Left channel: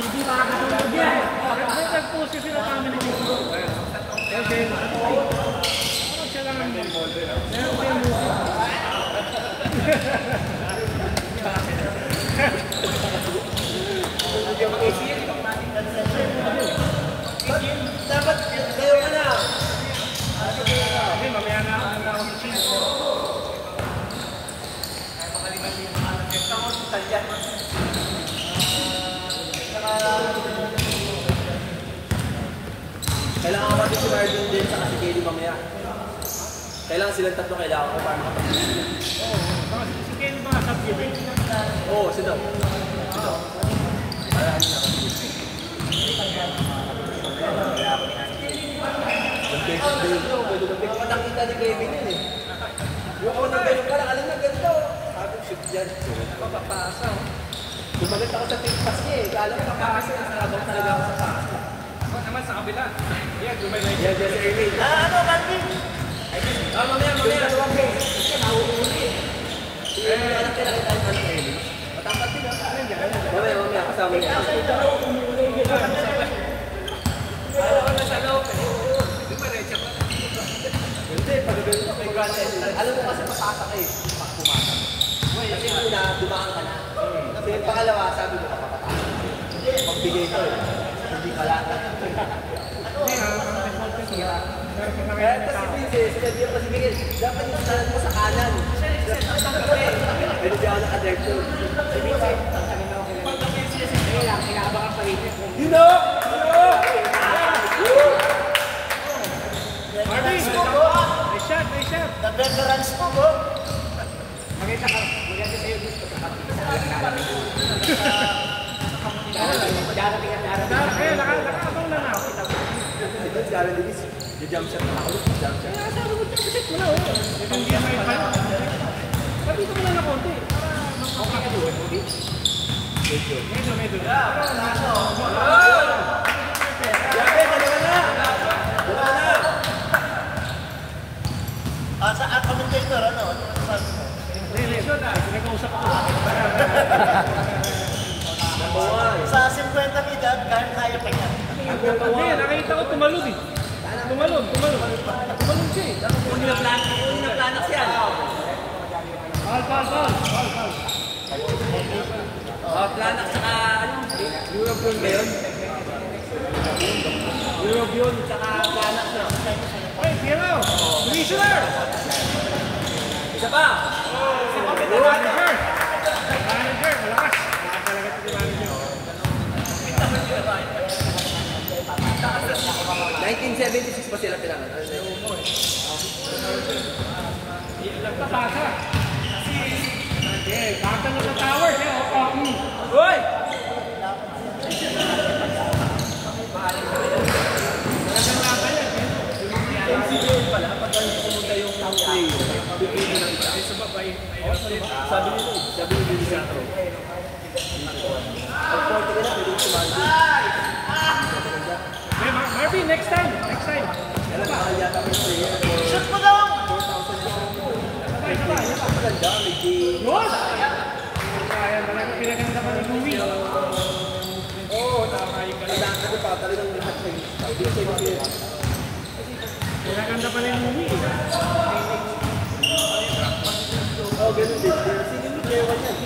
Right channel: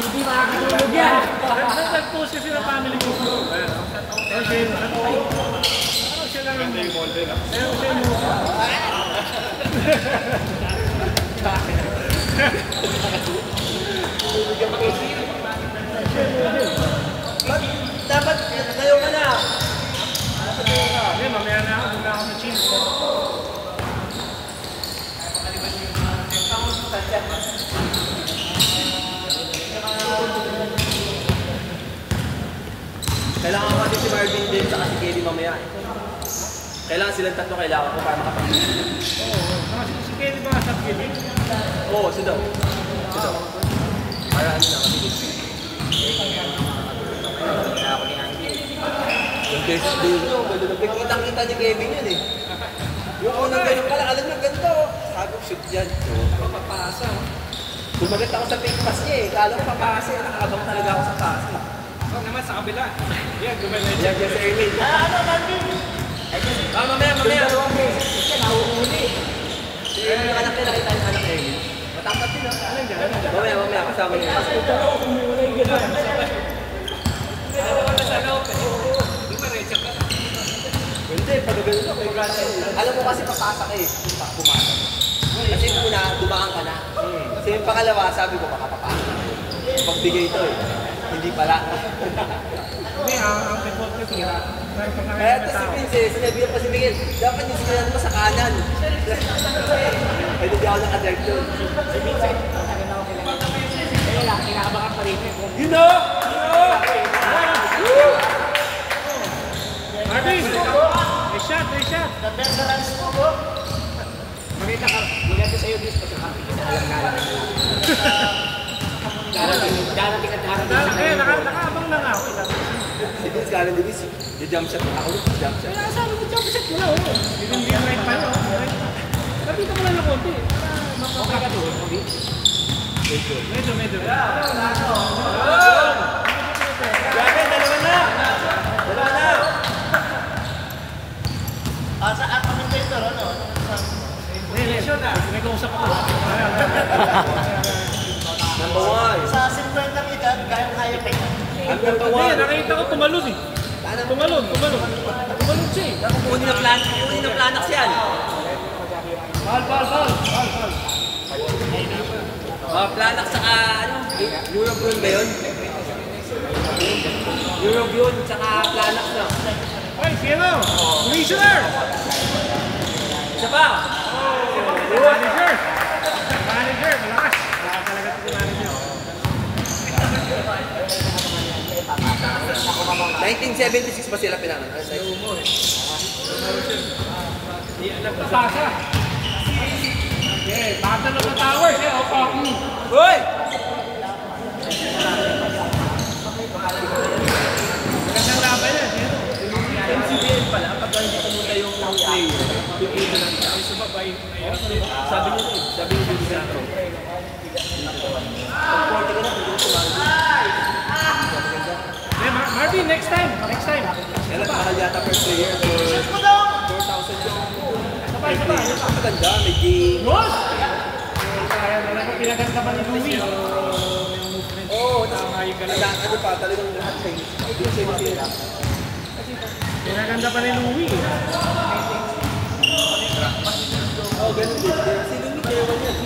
Hindi makakatulog yan. Nag-post kasi na family ko. Siya lang ang may molde lang. Dapat tayo ka na. Mamaya na ako. Handa ako sa cheese. Kailangan ko din si Marvin din sa si Kelly mamaya. Kailangan silang tatlo kailangan ko para makapag-ibig. Oo. Si Kelly ba sa Kelly? Oo, siya daw. Siya daw. Para ano na kapilip. Yung versus day nyo, nakita niya Kevin yun eh. Yung unang ganun pala, alam niyo ganito. Sabi ko, shoot dyan. Papapasa. Dumalit ako sa fake pass niya eh. Kala ko papasa. Nakabang talaga ako sa pass. Huwag naman sa kabila. Yan, gumalit. Yan, si Erwin. Mamaya. Dalawang beses siya, nahuhuli. Si Erwin, anak nila, kita yung anak Erwin. Matangkat sila. Mamaya, kasama niya. Kasi dalawa kumulay gano'n. Dalawa na sa loob eh. Di ba recha ka na? Hindi, pagagano ko. Alam mo kasi papasa ka eh. Pag pumasok. Kasi una, dumaan ka na. Kasi yung pangalawa, sabi ko, makapapasa. Magbigay ito eh. Hindi pala. Hindi, ang effort ko siya. Kaya ito si Vince, sinabi ko si Miguel, dapat yung sinabi mo sa kanan. Ay, hindi ako nakadirect doon. Si Vincent, matagal na ako kilala. Kaya lang, kinakabakan pa rin eh. You know! Marvin! May shot! The veterans mo ko. Maganda ka. Maganda sa'yo, Vince. Darating ka. Nakaabang na nga ako. Si Vince, gano'n din is, jump shot ako. Jump shot. Kaya sabi ko, jump shot mo na. Hindi yan na ipayo. Sabi ko lang na konti. Para makakaduhan mo din. Medyo. Grabe, dalawa na! At kami checker, ano? May kausap ko. Number one. Sa 50 edad, kaya pa yan. Number one. Nakita ko tumalon eh. Tumalon siya eh. Kung ninaplanak siya. Bal. Planak saka, Europe yun ba yun? Europe yun, saka planak na. Ay, Kilo! Commissioner! Isa pa! Manager! Malakas! Malakas talaga ito si manager. 1976 ba sila pinangat? Nagpapasa! Okay, bata na ng towers eh. Opo! Uy! Magandang laban yan. NCBL pala, pag hindi pumunta yung player, pipili lang pa. Ay, sumabay. Sabi niyo Benito. Pag 40 ka na, pwede sumali. Marvin, next time. Kailan mahal yata per player for 4,000. Ang ganda, may game. Yun! Kaya talaga pinaganda pa ni Louie. Oo, ano pa, talagang lahat siya. Pinaganda pa ni Louie. Oo, ganun din. Sino ni Kewan yan?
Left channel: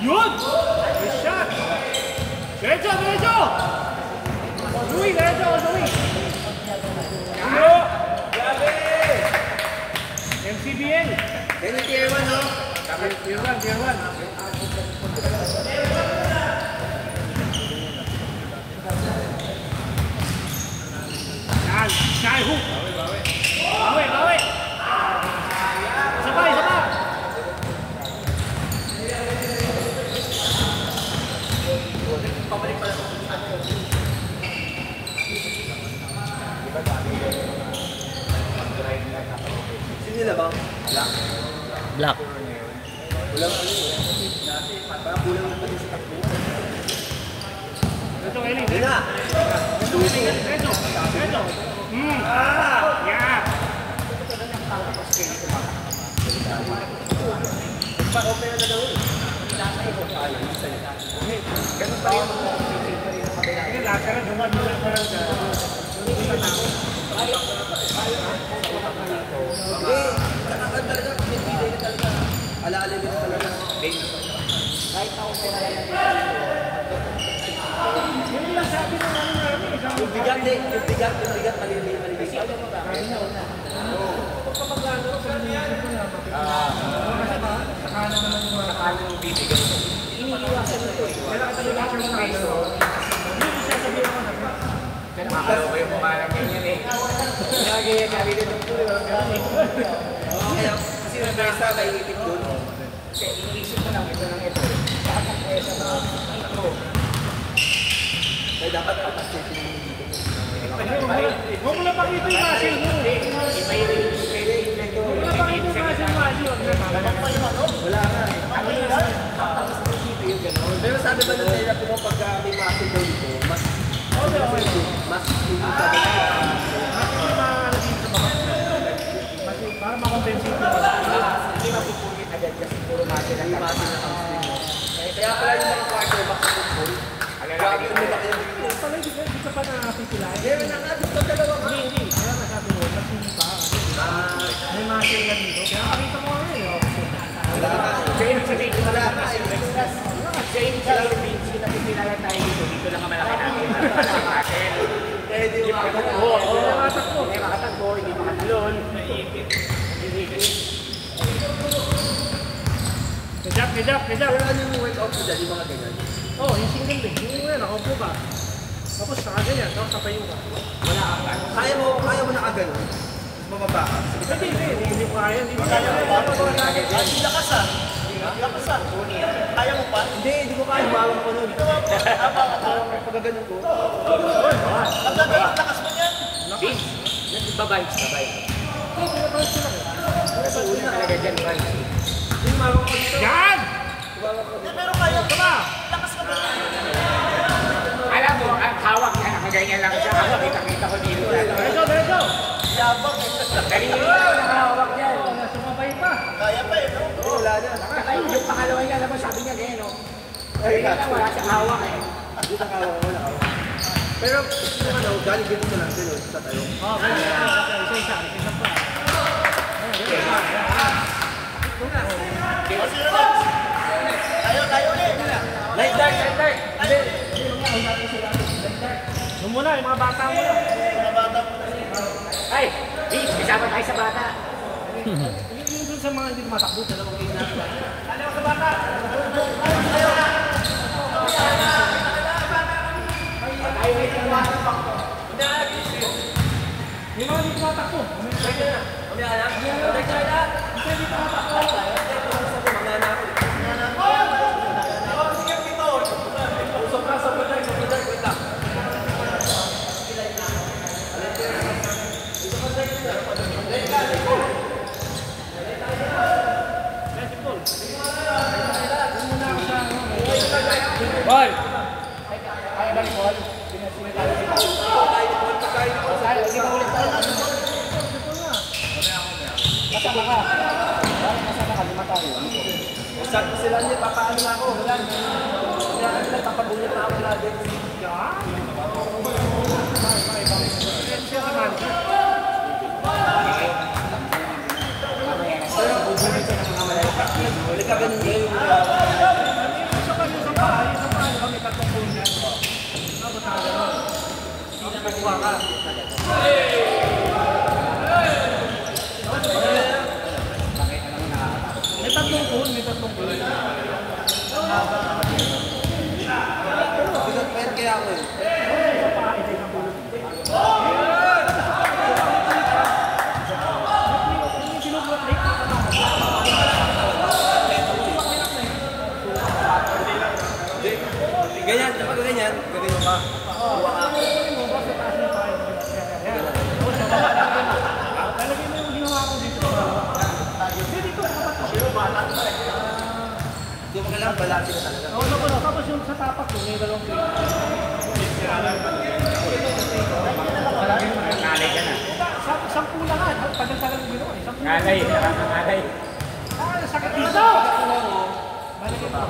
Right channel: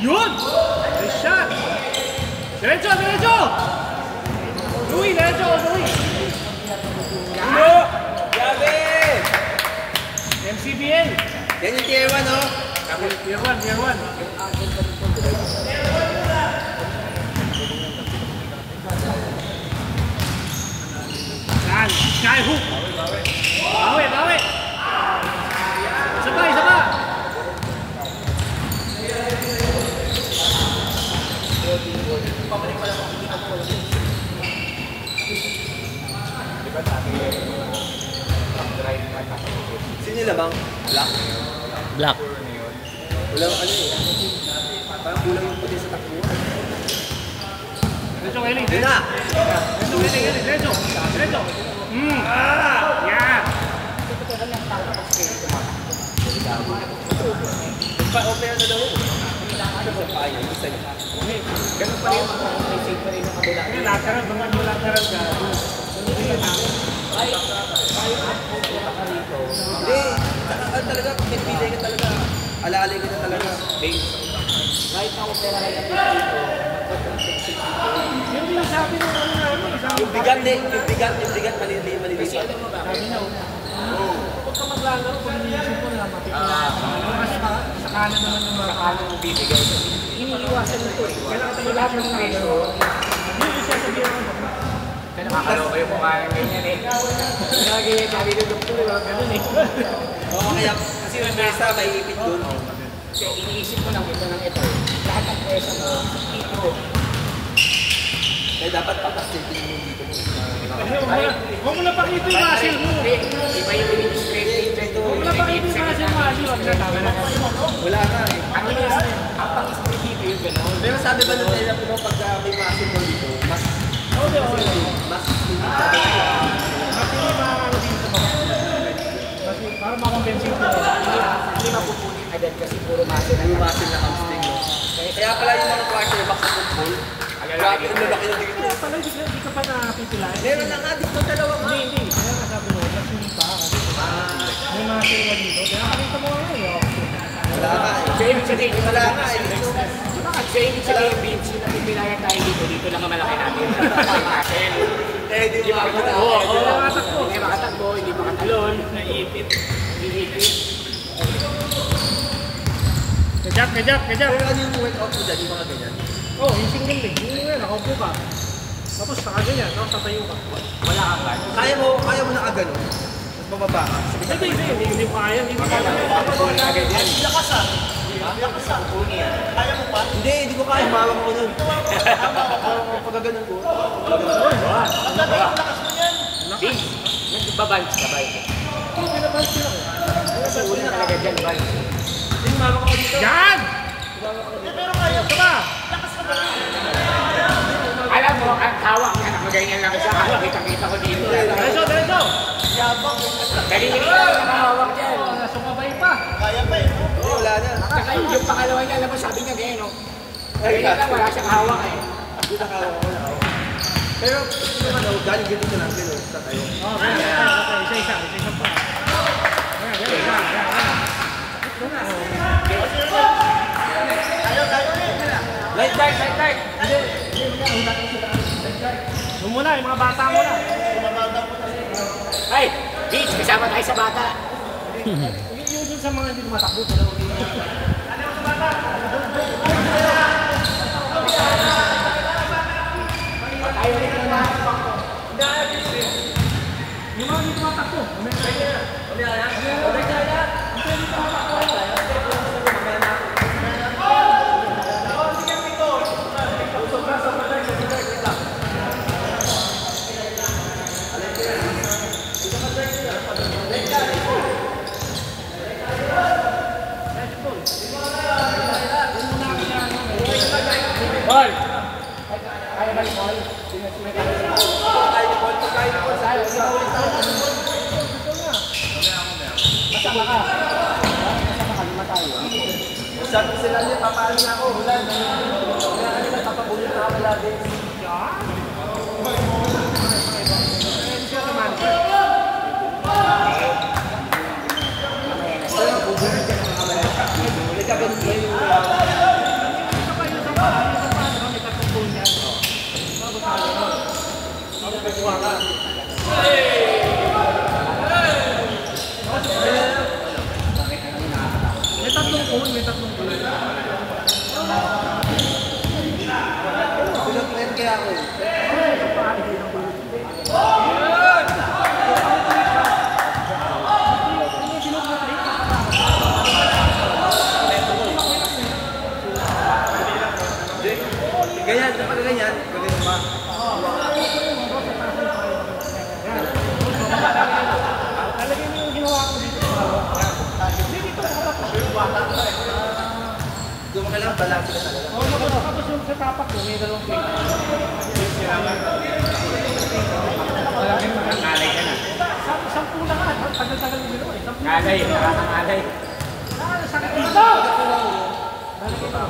Yun! May shot! Diretso! Louie! Ano? Grabe! MCBL! Yan yung tier 1, no? Tier 1. Skyhook! Bawi! Isa pa! Black. Walang ano eh. Parang kulang yung pulis sa takbo. Medyo Eli. Yun na! Medyo. Yeah. Pa-opera na daw. Ganun pa rin mga officing pa rin. Ini lateral, bukan lateral ka. Hindi, saka talaga, hindi ka talaga. Alalay ka na talaga. Right out na Hindi lang sabi ng ano namin. yung bigat, maliliit. Sabi niyo, kapag maglalaro, pag-iisip ko na, sakalan naman yung mga Sakalang yung bibigay. Iniiwasan na to eh. kailangan talaga lahat yung mga ito. Yun yung sasabihin ako na. Pero nakakaloka yung mukha ng ganyan eh. Nagagaya sabi ko yung puro. Ganun eh. Oo, kaya kasi yung mesa may ipit doon. Kasi iniisip ko lang ito ng ito. Lahat ng pwesa mo, ito. Kaya dapat tapas na ito yung dito. Huwag mo na pakita yung muscle mo. Iba yung straight dito. Huwag mo na pakita yung muscle mo. Wala na eh. Ang iniisip ang pag-spray dito yung gano'n. Pero sabi ba ng therapy mo pagka may muscle mo dito, mas Okay. mas hindi sabi ko. Mas hindi makakano din sa baba. Para makakompensate mo. Hindi mapupunit agad kasi puro muscle na hamstring mo. Kaya pala yung mga quarterback sa football, grabe na malaki na dito. Pala, hindi ka pa nakapitulan. Meron na nga dito dalawa ka. Hindi. Kaya nga sabi mo, mas hindi pa. May muscle ka dito. Kaya nakita mo nga ngayon. Wala ka eh. Wala ka eh. Training sila yung Vinci na pipinayan tayo dito lang ang malaki natin. Eh, di ba? Hindi makatakbo, hindi makatalon, naiipit, hihipit. Kajak. Pero ano yung workout mo dyan, yung mga ganyan? Oh, yung single leg. Yung nga, nakaupo ka. Tapos saka ganyan, tapos tatayo ka. Wala kang kaya. Kaya mo nakagano. Tapos bababa ka. Hindi ko kaya. Hindi ko kaya. Hindi ko kaya. Mawag ko nun. Pagaganon ko. Vince, nagbabanch ka ba? Ito, pinabalance sila ko. Una talaga dyan, banch. Yung mawag ko dito. Yan! Ito ba? Alam mo, ang hawak niya, nakaganyan lang siya. Kita ko dito. Diretso! Kanina nakahawak dyan. Nasumabay pa. Hindi, wala na. Saka yung pangalawa niya, alam mo, sabi niya ganyan, no? Ganyan lang, wala siyang hawak eh. Hindi nakawag ko wala. Pero yung ano, galing ganito lang din sa tayo. Oh, okay. Isa pa. Light dark. Yung muna, yung mga bata mo na. Ay, Vince, kasama tayo sa bata. Yung dun sa mga hindi tumatakbo, dalawang hindi na. Yung mga hindi tumatakbo. Hoy! Sabi sila niya, papaano na ako, wala na. Kaya kanila, papabulit na ako lagi. May tatlong goal. Pinag-pen kaya ako eh. balanse na talaga. Oo, tapos yung sa tapak mo, may dalawang plate. Nalay ka na. Sampu na nga, tagal-tagal mo ginawa eh. Sampu na. Nalay, nalay. Sakit dito. Lalagay mo.